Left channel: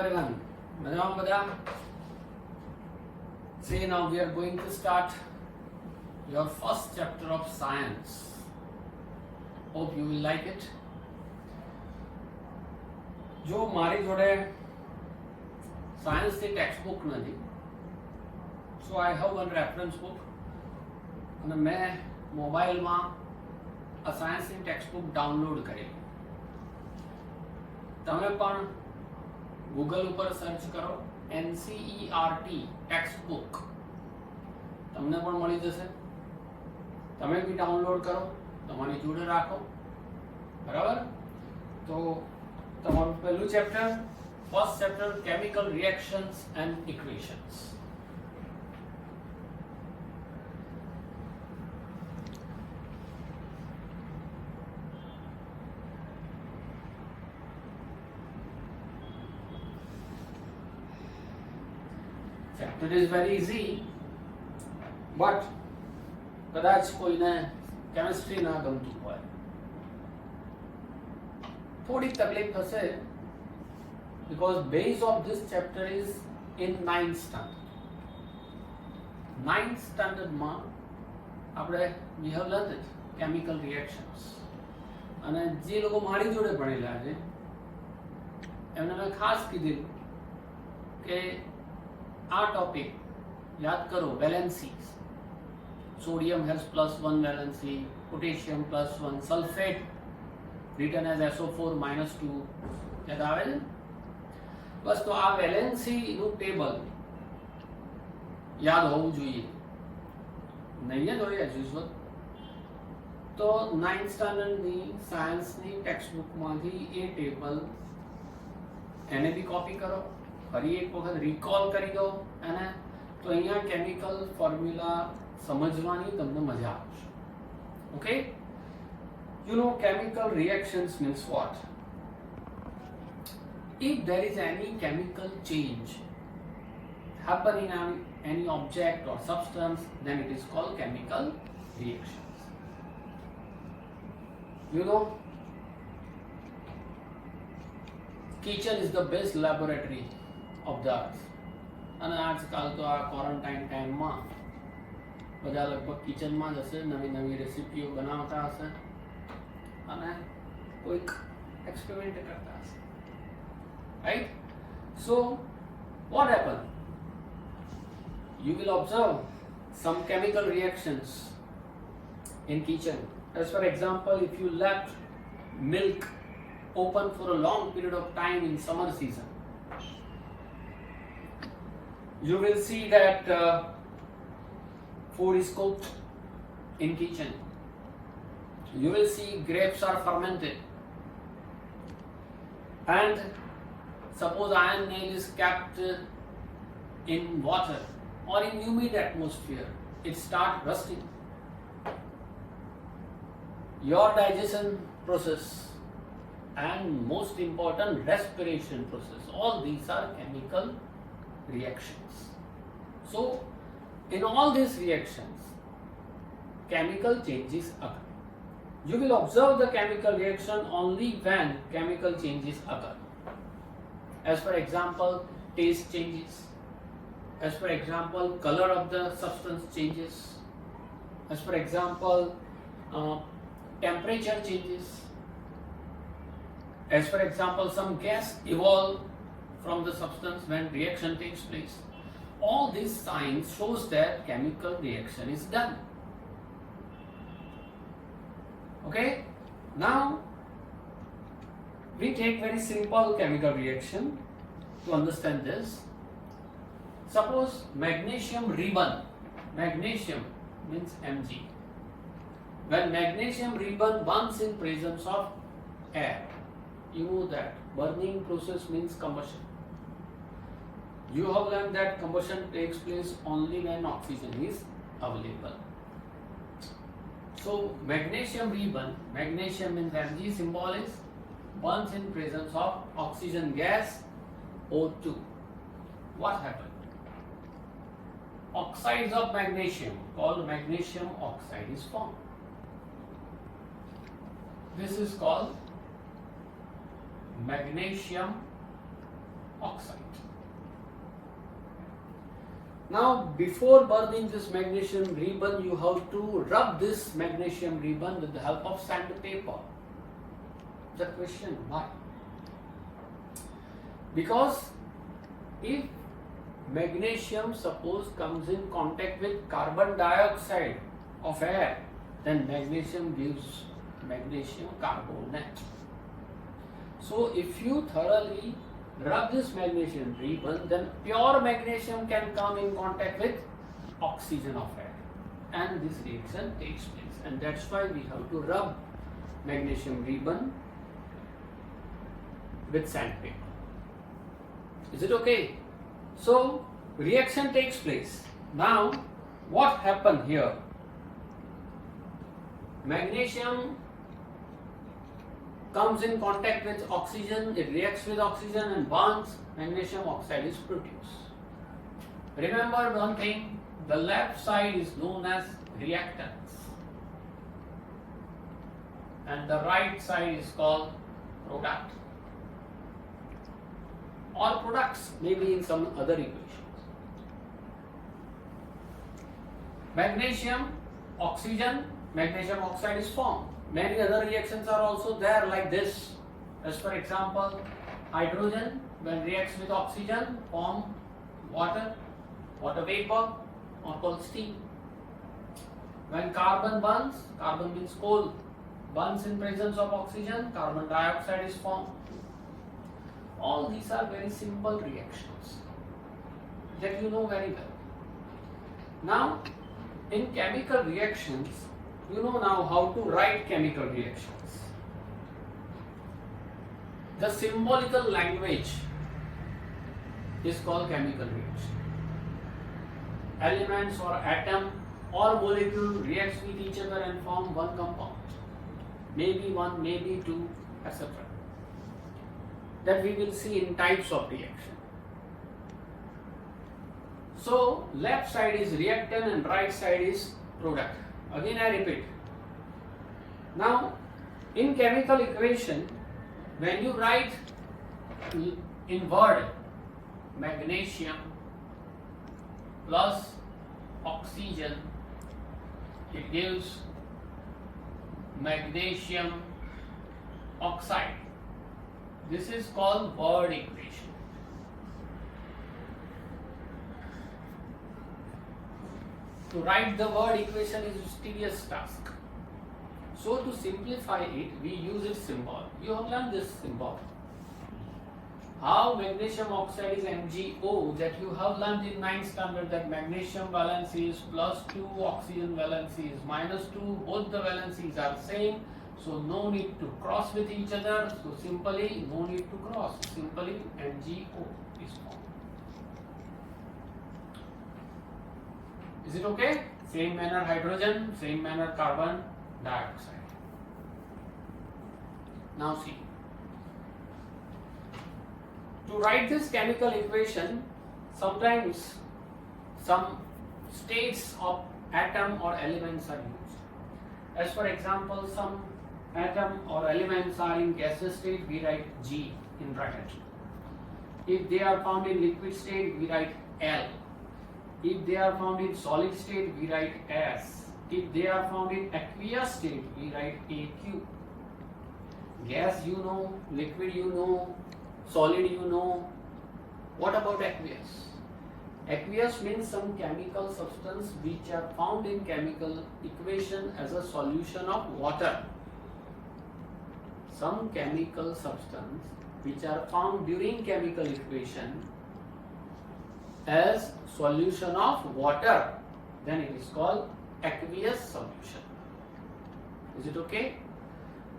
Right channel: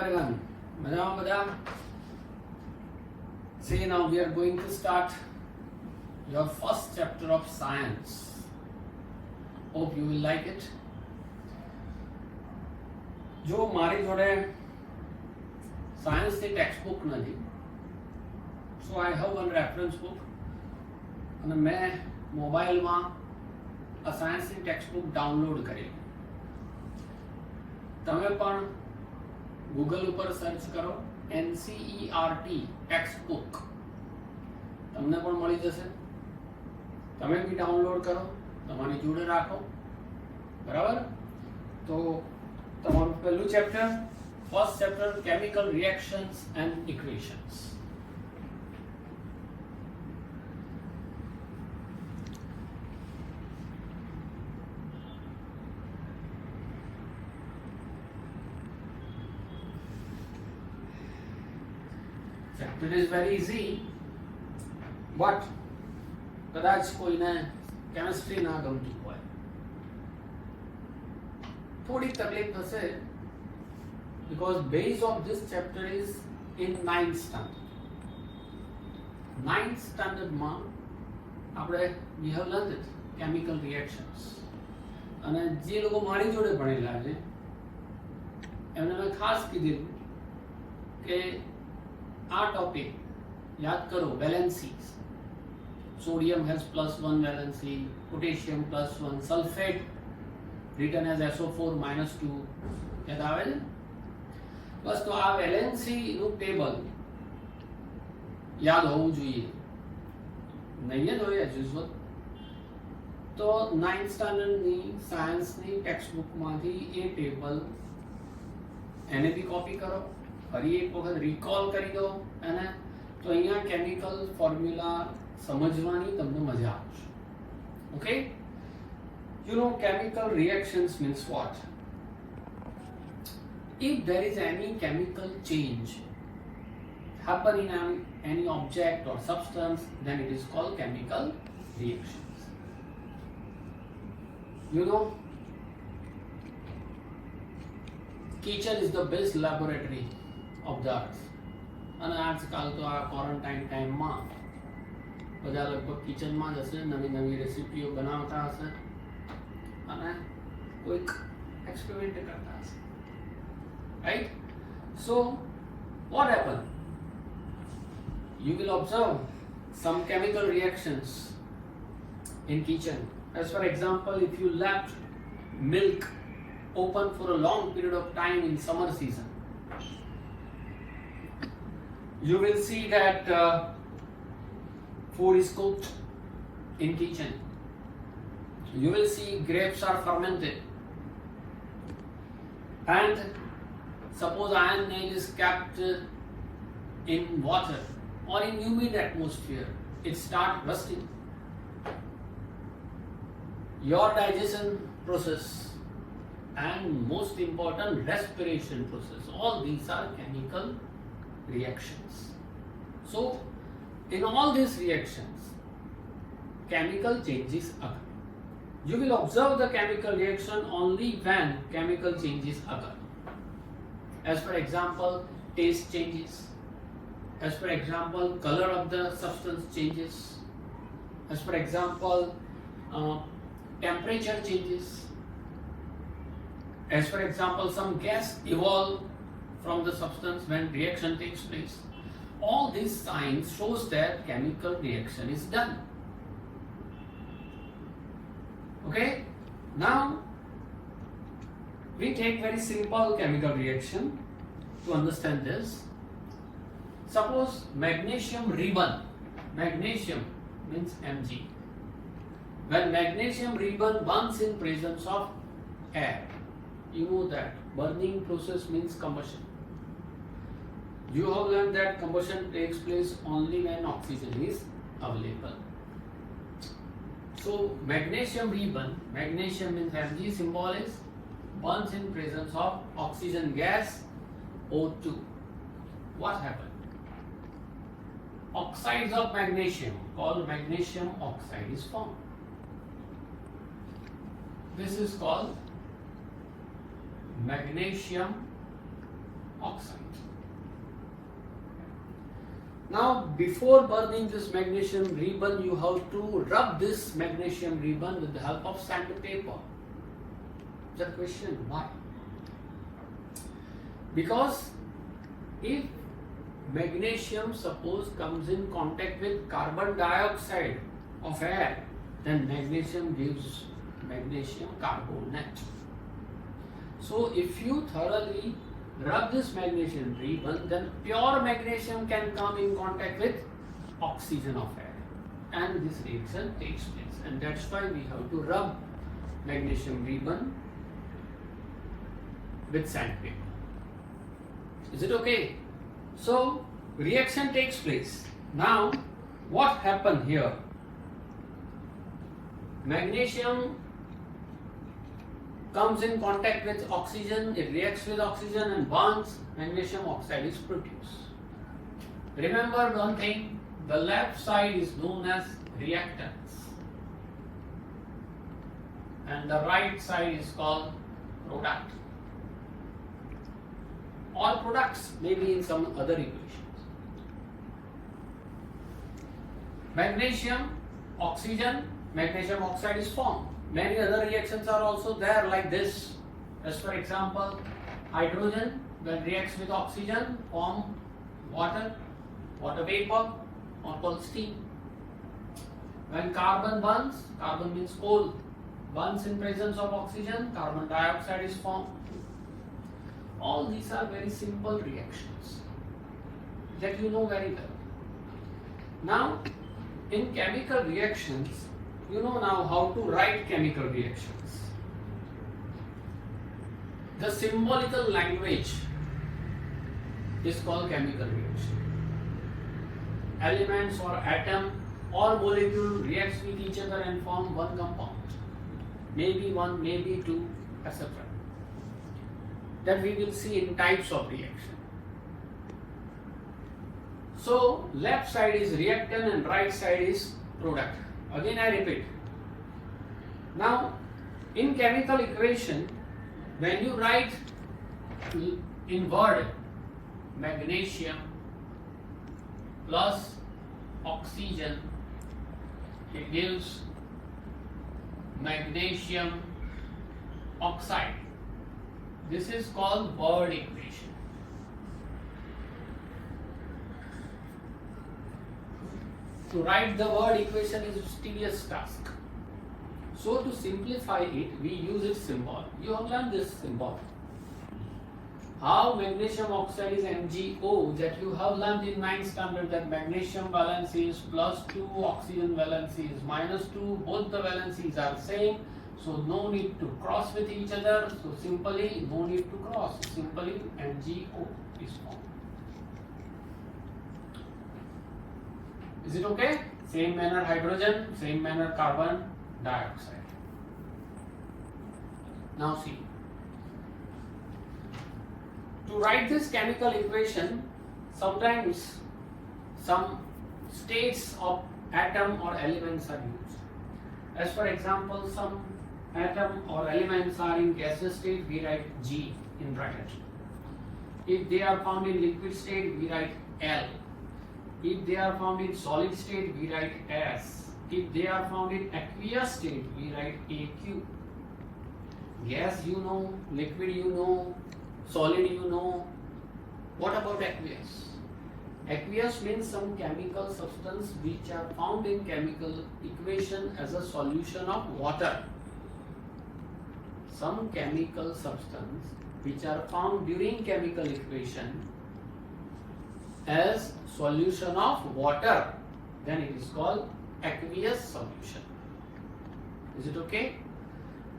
everyone. Madam. Say now we are going to start your first chapter of science. Hope you will like it. જો મારી જોડે સાયન્સની text book નથી, so I have one reference book અને મેં મોબાઈલમાં આ સાયન્સની ટેક્સ્ટ બુક ડાઉનલોડ કરેલી. તમે પણ ગૂગલ ઉપર સર્ચ કરો NCERT ટેક્સ્ટ બુક, તમને પણ મળી જશે. તમે બી ડાઉનલોડ કરો, તમારી જોડે રાખો, બરાબર. તો તમારું પહેલું chapter, first chapter, chemical reactions and equations. Chapter is very easy, but કદાચ કોઈને કેમિસ્ટ્રી ના ગમતું હોય, થોડી તકલીફ થશે, because base of this chapter is in 9th standard. 9th standard માં આપણે we have learned it, chemical reactions. અને જે લોકો મારી જોડે ભણેલા છે એમને મેં ખાસ કીધેલું કે આ ટોપિક યાદ કરો. વેલેન્સીઝ, sodium has +1 valency, potassium +1, sulfate written as SO4 -2, યાદ આવે છે? બસ, તો આ વેલેન્સી નું ટેબલ યાદ હોવું જોઈએ. નહીં જ હોય એઝ યુઝ્યુઅલ. તો 9th સ્ટાન્ડર્ડની સાયન્સની ટેક્સ્ટ બુકમાંથી એ ટેબલ એને બી કોપી કરો, ફરી એક વખત રિકોલ કરી દો, અને તો અહીંયા કેમિકલ ફોર્મ્યુલા સમજવાની તમને મજા આવશે. Okay, you know chemical reactions means what? If there is any chemical change happen in any object or substance, then it is called chemical reactions. You know, kitchen is the best laboratory of the earth. અને આજકાલ તો આ quarantine ટાઈમમાં બધા લગભગ કિચનમાં જ હશે, નવી નવી રેસીપીઓ બનાવતા હશે અને કોઈક એક્સપેરિમેન્ટ કરતા હશે, right? So what happen? You will observe some chemical reactions in kitchen. As for example, if you left milk open for a long period of time in summer season, you will see that food is cooked in kitchen. You will see grapes are fermented, and suppose iron nail is kept in water or in humid atmosphere, it starts rusting. Your digestion process and most important respiration process, all these are chemical reactions. So in all these reactions chemical changes occur. You will observe the chemical reaction only when chemical changes occur. As for example, taste changes. As for example, color of the substance changes. As for example, temperature changes. As for example, some gas evolve from the substance when reaction takes place. All these signs shows that chemical reaction is done. Okay, now we take very simple chemical reaction to understand this. Suppose magnesium ribbon, magnesium means Mg. When magnesium ribbon burns in presence of air, you know that burning process means combustion. You have learned that combustion takes place only when oxygen is available. So magnesium ribbon, magnesium means Mg symbol is, burns in presence of oxygen gas O2. What happened? Oxides of magnesium called magnesium oxide is formed. This is called magnesium oxide. Now, before burning this magnesium ribbon, you have to rub this magnesium ribbon with the help of sandpaper. The question, why? Because if magnesium, suppose, comes in contact with carbon dioxide of air, then magnesium gives magnesium carbonate. So, if you thoroughly rub this magnesium ribbon, then pure magnesium can come in contact with oxygen of air, and this reaction takes place. And that's why we have to rub magnesium ribbon with sandpaper. Is it okay? So, reaction takes place. Now, what happened here? Magnesium comes in contact with oxygen, it reacts with oxygen and burns, magnesium oxide is produced. Remember one thing, the left side is known as reactants and the right side is called product or products, maybe in some other equations. Magnesium, oxygen, magnesium oxide is formed. Many other reactions are also there like this. As for example, hydrogen when reacts with oxygen form water, water vapor or called steam. When carbon burns, carbon means coal, burns in presence of oxygen, carbon dioxide is formed. All these are very simple reactions that you know very well. Now, in chemical reactions, you know now how to write chemical reactions. The symbolical language is called chemical reaction. Elements or atom or molecule reacts with each other and form one compound. Maybe one, maybe two, etc. That we will see in types of reaction. So, left side is reactant and right side is product. Again I repeat. Now, in chemical equation, when you write in word magnesium plus oxygen, it gives magnesium oxide. This is called word equation. To write the word equation is a tedious task. So to simplify it, we use its symbol. You have learned this symbol. How magnesium oxide is MgO, that you have learned in 9th standard, that magnesium valency is +2, oxygen valency is -2. Both the valencies are same. So no need to cross with each other. So simply no need to cross. Simply MgO is formed. Is it okay? Same manner hydrogen, same manner carbon dioxide. Now see. To write this chemical equation, sometimes some states of atom or elements are used. As for example, some atom or elements are in gaseous state, we write G in bracket. If they are found in liquid state, we write L. If they are found in solid state, we write S. If they are found in aqueous state, we write AQ. Gas you know, liquid you know, solid you know. What about aqueous? Aqueous means some chemical substance which are found in chemical equation as a solution of water. Some chemical substance which are found during chemical equation as solution of water, then it is called aqueous solution. Is it okay?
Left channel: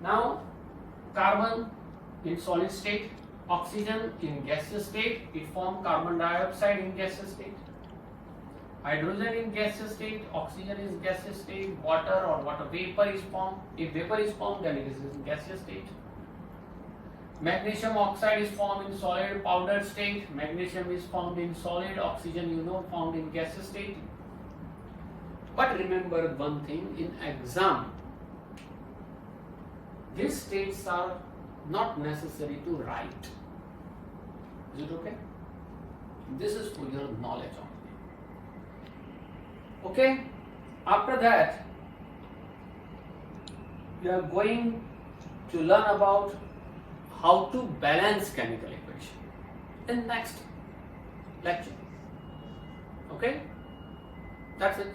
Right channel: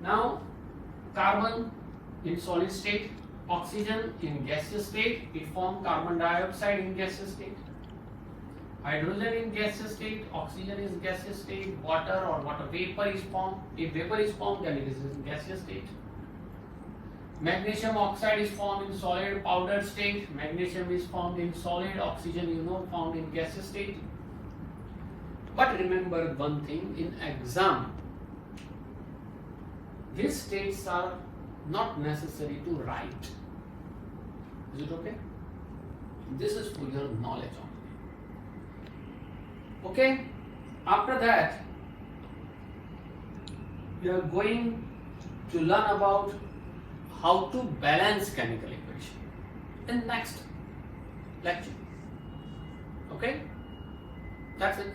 Now, carbon in solid state, oxygen in gaseous state, it forms carbon dioxide in gaseous state. Hydrogen in gaseous state, oxygen is gaseous state, water or water vapor is formed. If vapor is formed, then it is in gaseous state. Magnesium oxide is formed in solid powdered state. Magnesium is formed in solid. Oxygen, you know, found in gaseous state. But remember one thing, in exam, these states are not necessary to write. Is it okay? This is for your knowledge only. Okay, after that we are going to learn about how to balance chemical equation in next lecture. Okay, that's it.